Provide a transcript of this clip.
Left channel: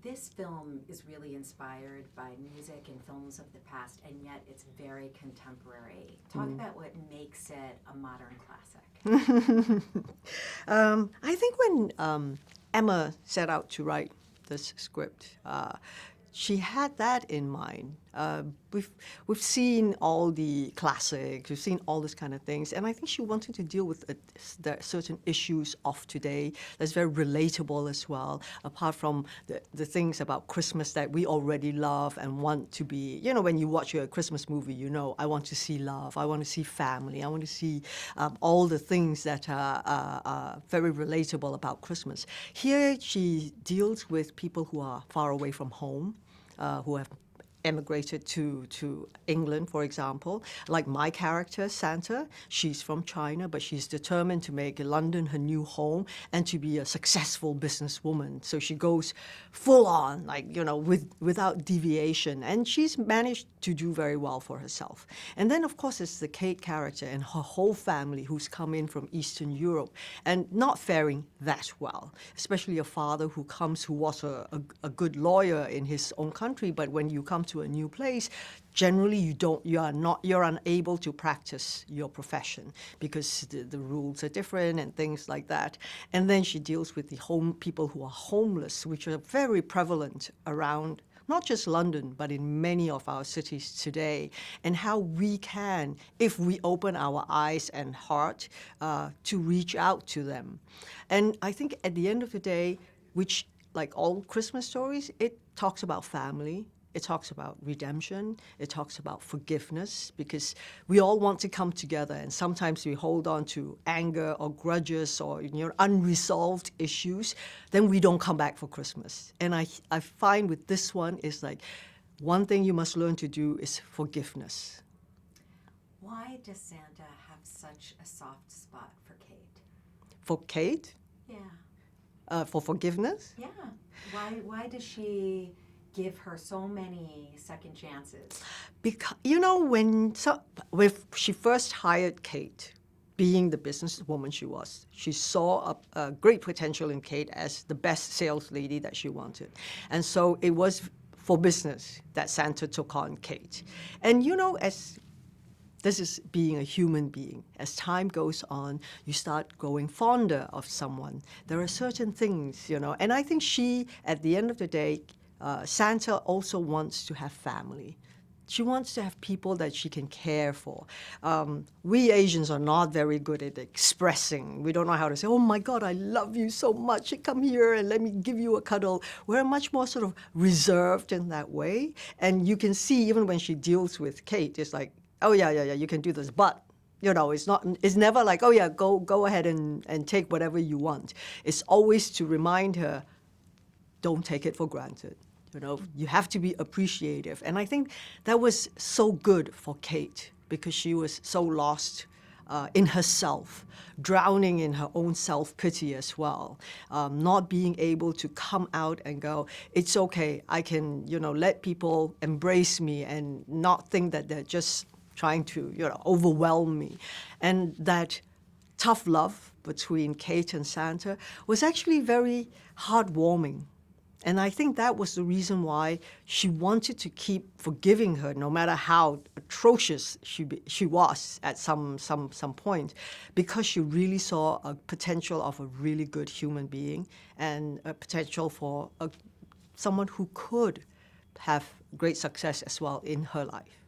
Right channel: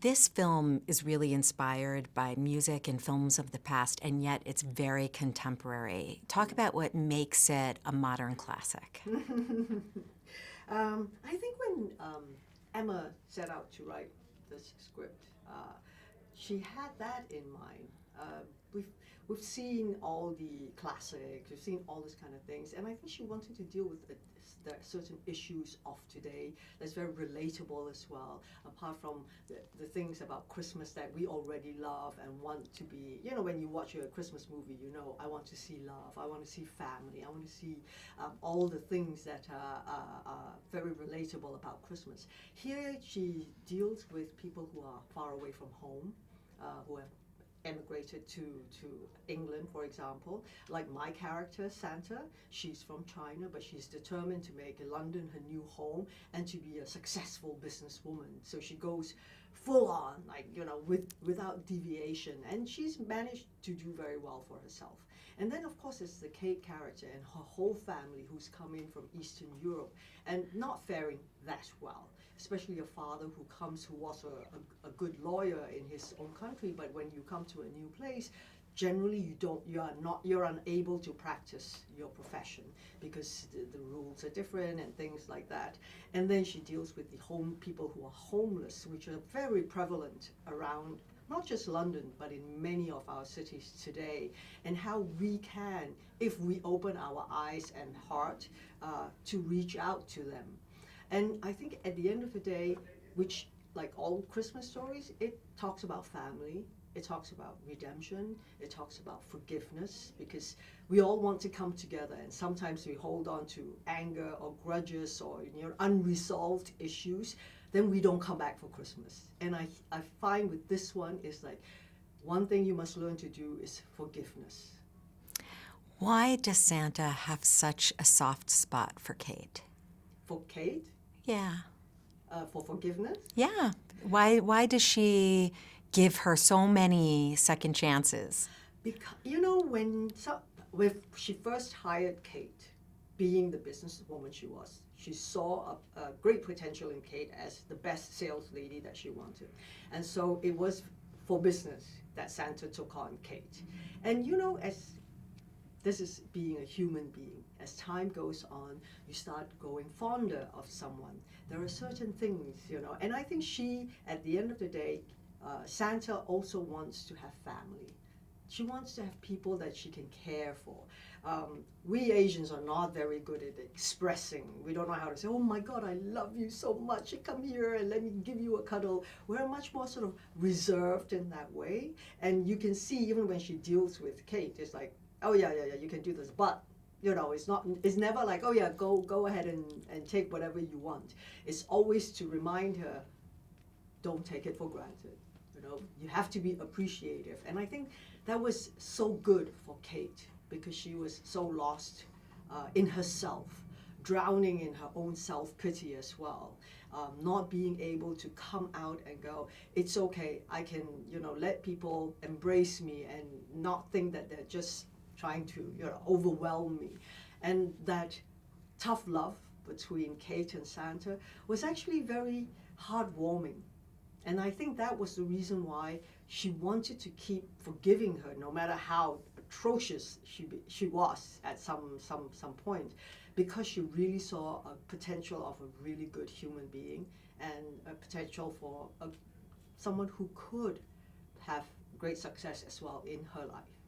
This film is really inspired by music and films of the past, and yet it's very contemporary. Talk about what makes it a modern classic. I think when Emma set out to write this script, she had that in mind. We've seen all the classics, we've seen all this kind of things, and I think she wanted to deal with the certain issues of today that's very relatable as well, apart from the things about Christmas that we already love and want to be. You know, when you watch a Christmas movie, you know, I want to see love, I want to see family, I want to see all the things that are very relatable about Christmas. Here she deals with people who are far away from home, who have emigrated to England, for example. Like my character, Santa, she's from China, but she's determined to make London her new home and to be a successful businesswoman. So she goes full on, like, you know, without deviation. And she's managed to do very well for herself. And then, of course, it's the Kate character and her whole family who's come in from Eastern Europe and not faring that well, especially a father who was a good lawyer in his own country, but when you come to a new place, generally you're unable to practice your profession because the rules are different and things like that. And then she deals with the people who are homeless, which are very prevalent around not just London, but in many of our cities today, and how we can, if we open our eyes and heart, to reach out to them. And I think at the end of the day, which, like all Christmas stories, it talks about family, it talks about redemption, it talks about forgiveness, because we all want to come together, and sometimes we hold on to anger or grudges or, you know, unresolved issues, then we don't come back for Christmas. And I find with this one is like, one thing you must learn to do is forgiveness. Why does Santa have such a soft spot for Kate? For Kate? Yeah. For forgiveness? Yeah. Why does she give her so many second chances? Because, you know, when she first hired Kate, being the businesswoman she was, she saw a great potential in Kate as the best sales lady that she wanted. And so it was for business that Santa took on Kate. And, you know, this is being a human being. As time goes on, you start growing fonder of someone. There are certain things, you know, and I think she, at the end of the day, Santa also wants to have family. She wants to have people that she can care for. We Asians are not very good at expressing. We don't know how to say, oh my God, I love you so much. Come here and let me give you a cuddle. We're much more sort of reserved in that way. And you can see even when she deals with Kate, it's like, oh yeah, you can do this, but you know, it's never like, oh yeah, go ahead and take whatever you want. It's always to remind her, don't take it for granted. You know, you have to be appreciative. And I think that was so good for Kate because she was so lost in herself, drowning in her own self-pity as well, not being able to come out and go, it's okay, I can, you know, let people embrace me and not think that they're just trying to, you know, overwhelm me. And that tough love between Kate and Santa was actually very heartwarming. And I think that was the reason why she wanted to keep forgiving her, no matter how atrocious she was at some point, because she really saw a potential of a really good human being and a potential for someone who could have great success as well in her life.